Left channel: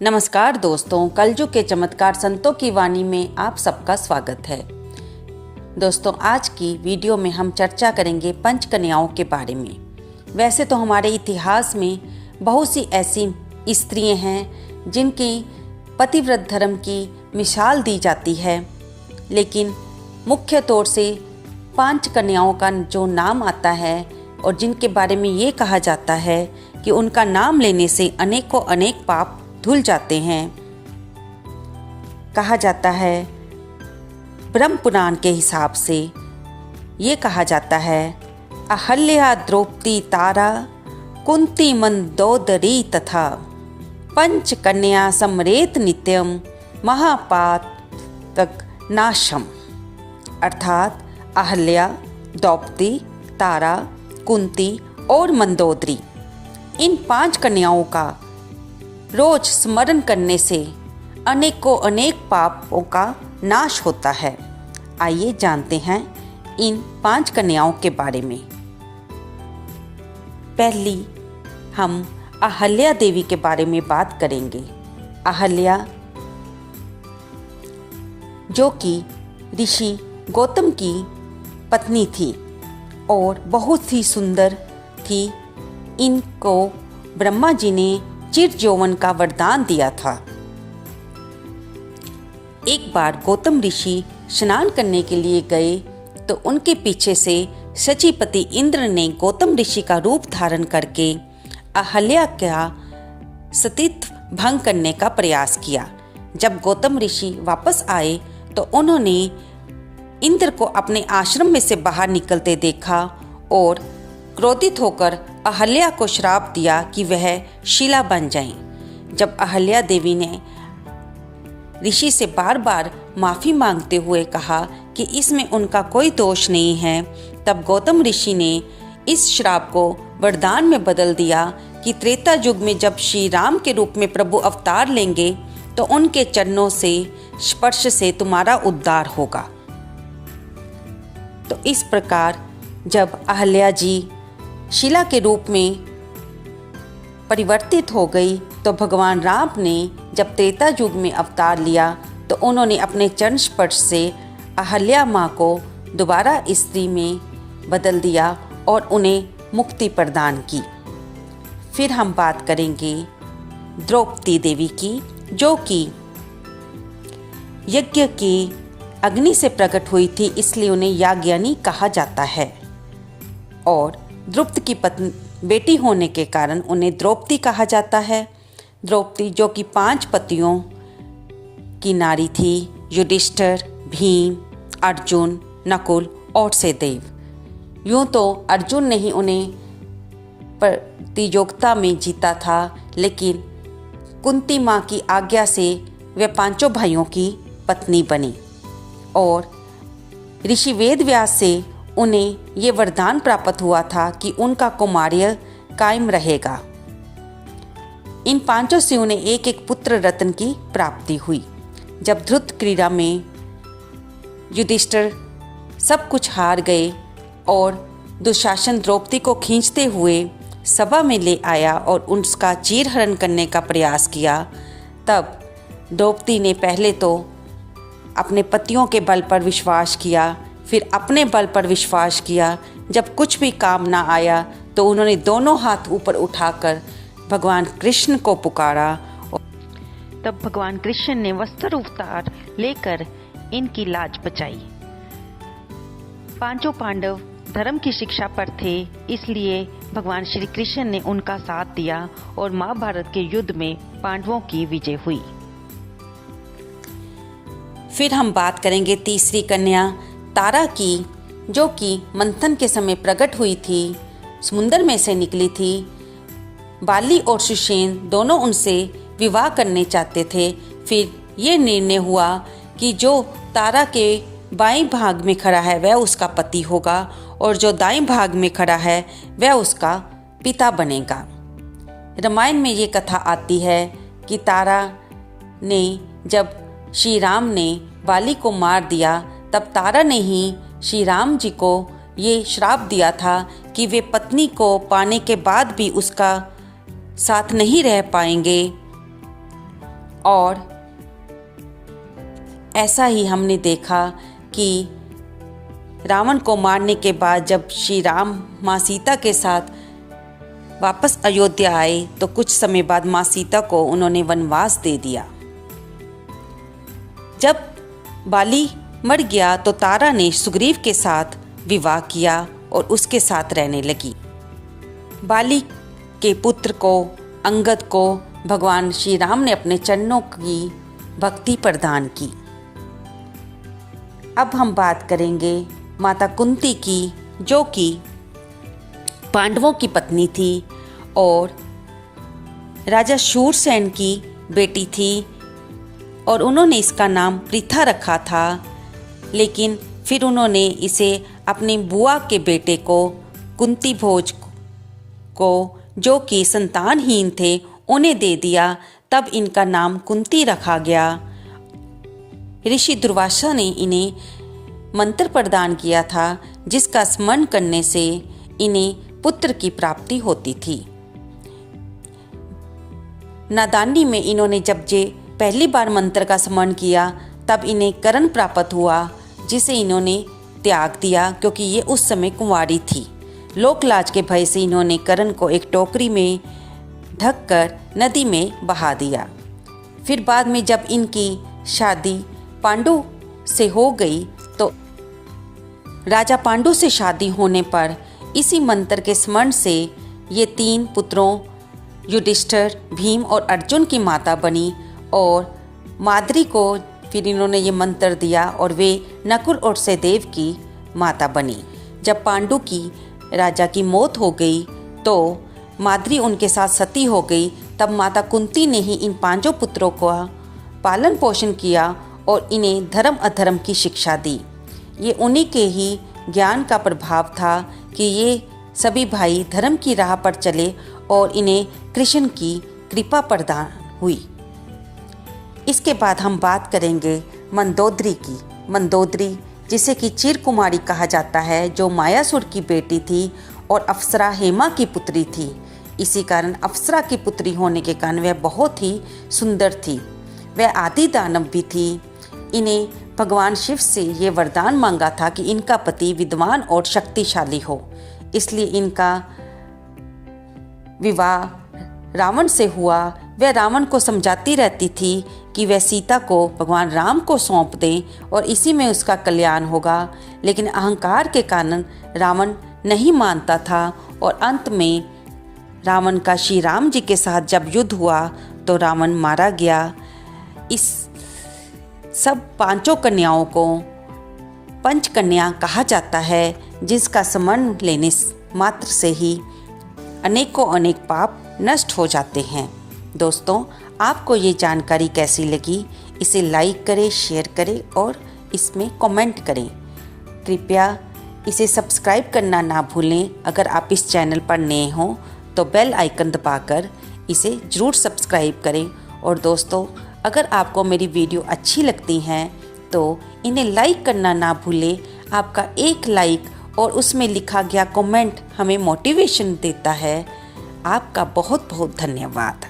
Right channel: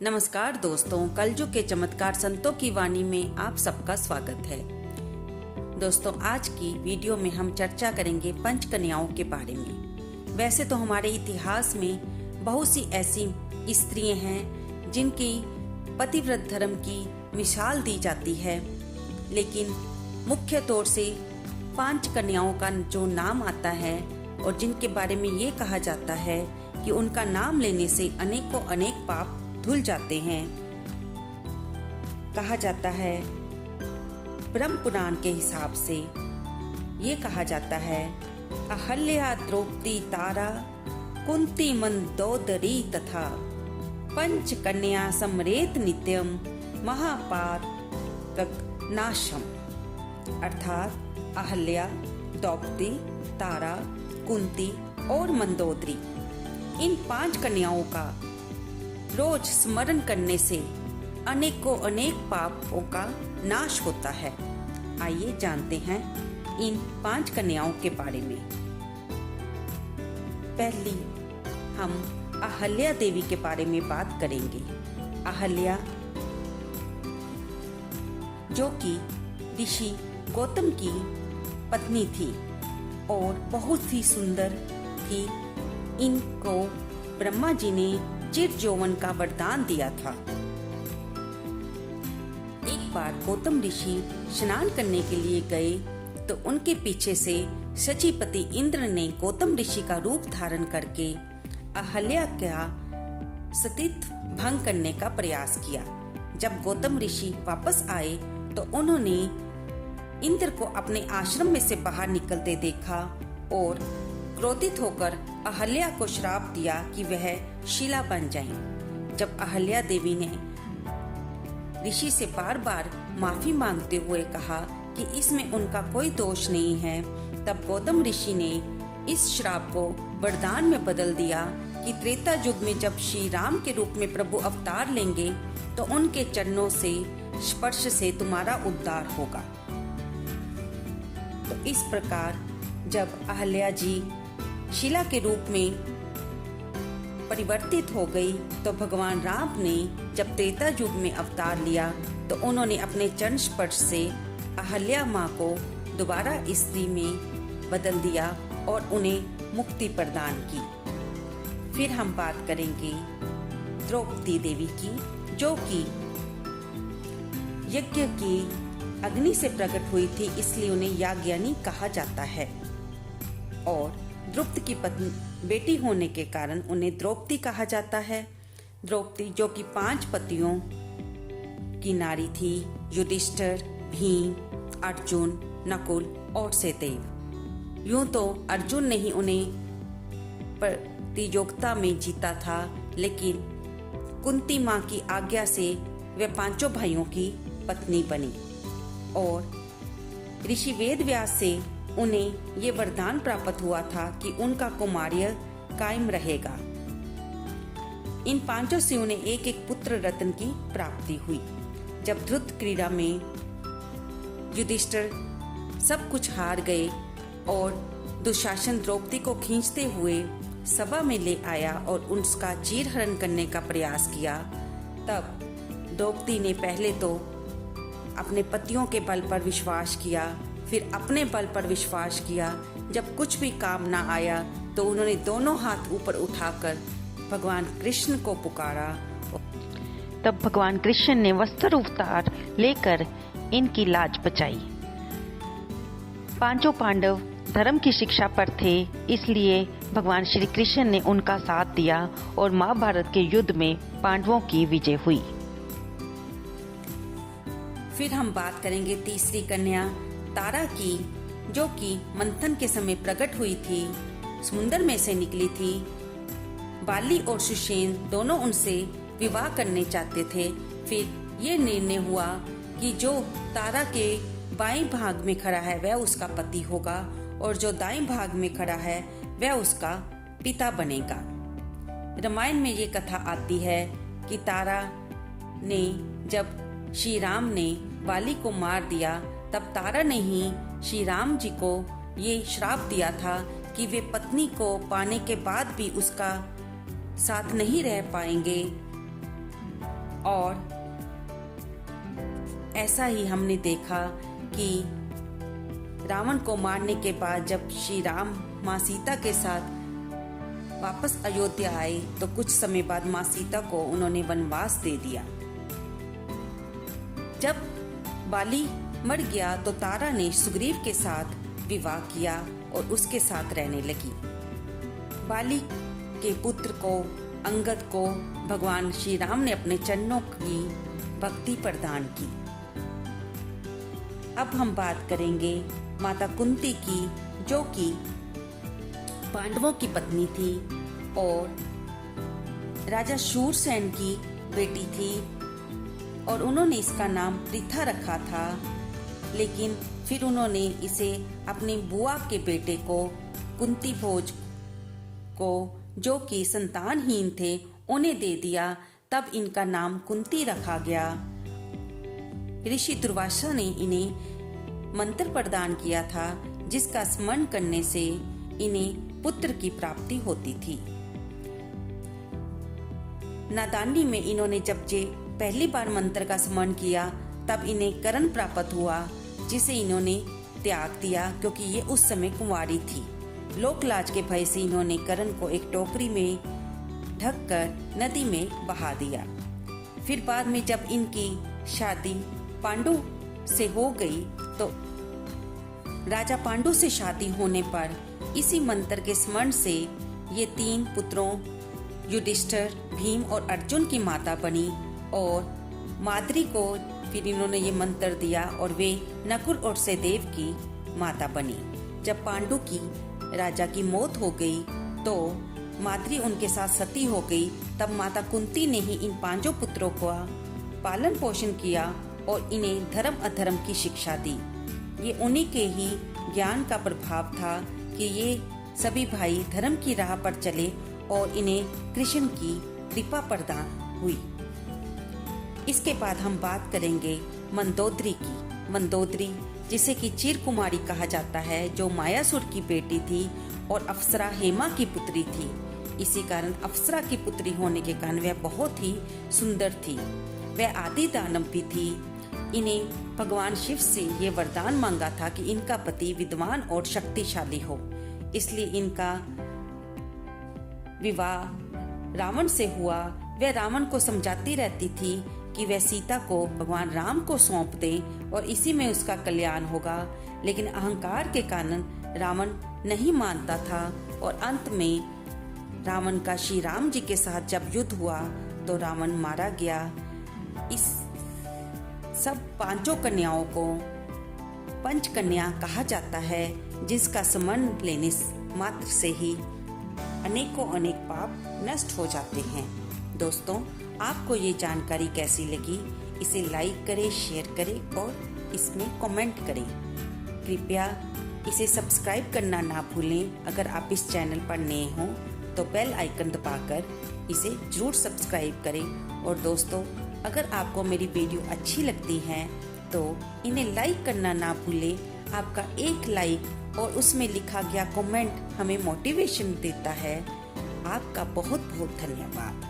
नमस्कार दोस्तों, कलयुग के चमत्कार संतों की वाणी में आप सबका स्वागत है। दोस्तों, आज की वीडियो में हम चर्चा करेंगे पंच कन्याओं के बारे में। वैसे तो हमारे इतिहास में बहुत सी ऐसी स्त्रियां हैं जिनकी पतिव्रत धर्म की मिसाल दी जाती है, लेकिन मुख्य तौर से 5 कन्याओं का जो नाम आता है और जिनके बारे में ये कहा जाता है कि उनका नाम लेने से अनेकों अनेक पाप धुल जाते हैं। कहा जाता है, ब्रह्म पुराण के हिसाब से ये कहा जाता है, अहल्या द्रौपदी तारा कुंती मंदोदरी तथा पंच कन्या समरेत नित्यम महापातक नाशम। अर्थात अहल्या, द्रौपदी, तारा, कुंती और मंदोदरी, इन 5 कन्याओं का रोज स्मरण करने से अनेकों अनेक पापों का नाश होता है। आइए जानते हैं इन 5 कन्याओं के बारे में। पहली हम अहल्या देवी के बारे में बात करेंगे। अहल्या, जो कि ऋषि गौतम की पत्नी थी और बहुत ही सुंदर थी। इनको ब्रह्मा जी ने चिर यौवन का वरदान दिया था। एक बार गौतम ऋषि स्नान करने के लिए गए तो उनके पीछे से शचीपति इंद्र ने गौतम ऋषि का रूप धारण करके अहल्या का सतीत्व भंग करने का प्रयास किया। जब गौतम ऋषि वापस आए तो उन्होंने इंद्र को अपने आश्रम में से बाहर निकलते देखा और क्रोधित होकर अहल्या को श्राप दिया कि वह शिला बन जाएं। जब अहल्या देवी ने ऋषि से बार बार माफी मांगते हुए कहा कि इसमें उनका कोई दोष नहीं है, तब गौतम ऋषि ने इस श्राप को वरदान में बदल दिया कि त्रेता युग में जब श्री राम के रूप में प्रभु अवतार लेंगे तो उनके चरणों से स्पर्श से तुम्हारा उद्धार होगा। तो इस प्रकार जब अहल्या जी शिला के रूप में परिवर्तित हो गई तो भगवान राम ने जब त्रेता युग में अवतार लिया तो उन्होंने अपने चरण स्पर्श से अहल्या माँ को दोबारा स्त्री में बदल दिया और उन्हें मुक्ति प्रदान की। फिर हम बात करेंगे द्रौपदी देवी की, जो कि यज्ञ की अग्नि से प्रकट हुई थी, इसलिए उन्हें याज्ञनी कहा जाता है। और द्रुपद की बेटी होने के कारण उन्हें द्रौपदी कहा जाता है। द्रौपदी जो कि 5 पतियों की नारी थी, युधिष्ठिर, भीम, अर्जुन, नकुल और सहदेव। यूं तो अर्जुन ने ही उन्हें प्रतियोगिता में जीता था, लेकिन कुंती माँ की आज्ञा से वे 5 भाइयों की पत्नी बनी और ऋषि वेदव्यास से उन्हें ये वरदान प्राप्त हुआ था कि उनका कौमार्य कायम रहेगा। इन 5 से उन्हें एक एक पुत्र रत्न की प्राप्ति हुई। जब ध्रुत क्रीड़ा में युधिष्ठिर सब कुछ हार गए और दुशासन द्रौपदी को खींचते हुए सभा में ले आया और उसका चीरहरण करने का प्रयास किया, तब द्रौपदी ने पहले तो अपने पतियों के बल पर विश्वास किया, फिर अपने बल पर विश्वास किया। जब कुछ भी काम ना आया तो उन्होंने दोनों हाथ ऊपर उठाकर भगवान कृष्ण को पुकारा। तब भगवान कृष्ण ने वस्त्र अवतार लेकर इनकी लाज बचाई। 5 पांडव धर्म की शिक्षा पर थे, इसलिए भगवान श्री कृष्ण ने उनका साथ दिया और महाभारत के युद्ध में पांडवों की विजय हुई। फिर हम बात करेंगे तीसरी कन्या तारा की, जो कि मंथन के समय प्रकट हुई थी, समुद्र में से निकली थी। बाली और सुषेण दोनों उनसे विवाह करने चाहते थे। फिर ये निर्णय हुआ कि जो तारा के बाएं भाग में खड़ा है वह उसका पति होगा और जो दाएं भाग में खड़ा है वह उसका पिता बनेगा। रामायण में ये कथा आती है कि तारा ने जब श्री राम ने बाली को मार दिया, तब तारा ने ही श्री राम जी को ये श्राप दिया था कि वे पत्नी को पाने के बाद भी उसका साथ नहीं रह पाएंगे और ऐसा ही हमने देखा कि रावण को मारने के बाद जब श्री राम माँ सीता के साथ वापस अयोध्या आए तो कुछ समय बाद माँ सीता को उन्होंने वनवास दे दिया। जब बाली मर गया तो तारा ने सुग्रीव के साथ विवाह किया और उसके साथ रहने लगी। बाली के पुत्र को अंगद को भगवान श्री राम ने अपने चरणों की भक्ति प्रदान की। अब हम बात करेंगे माता कुंती की, जो कि पांडवों की पत्नी थी और राजा शूरसेन की बेटी थी और उन्होंने इसका नाम पृथा रखा था, लेकिन फिर उन्होंने इसे अपनी बुआ के बेटे को कुंती भोज को, जो कि संतानहीन थे, उन्हें दे दिया। तब इनका नाम कुंती रखा गया। ऋषि दुर्वासा ने इन्हें मंत्र प्रदान किया था जिसका स्मरण करने से इन्हें पुत्र की प्राप्ति होती थी। नादानी में इन्होंने जब पहली बार मंत्र का स्मरण किया तब इन्हें करण प्राप्त हुआ, जिसे इन्होंने त्याग दिया क्योंकि ये उस समय कुंवारी थी। लोकलाज के भय से इन्होंने करण को एक टोकरी में ढककर नदी में बहा दिया। फिर बाद में जब इनकी शादी पांडु से हो गई तो राजा पांडु से शादी होने पर इसी मंत्र के स्मरण से ये 3 पुत्रों युधिष्ठिर, भीम और अर्जुन की माता बनी और माद्री को फिर इन्होंने ये मंत्र दिया और वे नकुल और सहदेव की माता बनी। जब पांडु की राजा की मौत हो गई तो माद्री उनके साथ सती हो गई। तब माता कुंती ने ही इन 5 पुत्रों का पालन पोषण किया और इन्हें धर्म अधर्म की शिक्षा दी। ये उन्हीं के ही ज्ञान का प्रभाव था कि ये सभी भाई धर्म की राह पर चले और इन्हें कृष्ण की कृपा प्रदान हुई। इसके बाद हम बात करेंगे मंदोदरी की। मंदोदरी जिसे कि चिर कुमारी कहा जाता है, जो मायासुर की बेटी थी और अप्सरा हेमा की पुत्री थी। इसी कारण अप्सरा की पुत्री होने के कारण वह बहुत ही सुंदर थी। वह आदि दानव भी थी। इन्हें भगवान शिव से ये वरदान मांगा था कि इनका पति विद्वान और शक्तिशाली हो, इसलिए इनका विवाह रावण से हुआ। वह रावण को समझाती रहती थी कि वह सीता को भगवान राम को सौंप दें और इसी में उसका कल्याण होगा, लेकिन अहंकार के कारण रावण नहीं मानता था और अंत में रावण का श्री राम जी के साथ जब युद्ध हुआ तो रावण मारा गया। इस सब 5 कन्याओं को पंचकन्या कहा जाता है, जिसका स्मरण लेने मात्र से ही अनेक पाप नष्ट हो जाते हैं। दोस्तों, आपको ये जानकारी कैसी लगी? इसे लाइक करें, शेयर करें और इसमें कमेंट करें। कृपया इसे सब्सक्राइब करना ना भूलें। अगर आप इस चैनल पर नए हों तो बेल आइकन दबाकर इसे ज़रूर सब्सक्राइब करें। और दोस्तों, अगर आपको मेरी वीडियो अच्छी लगती हैं तो इन्हें लाइक करना ना भूलें। आपका एक लाइक और उसमें लिखा गया कमेंट हमें मोटिवेशन देता है। आपका बहुत बहुत धन्यवाद।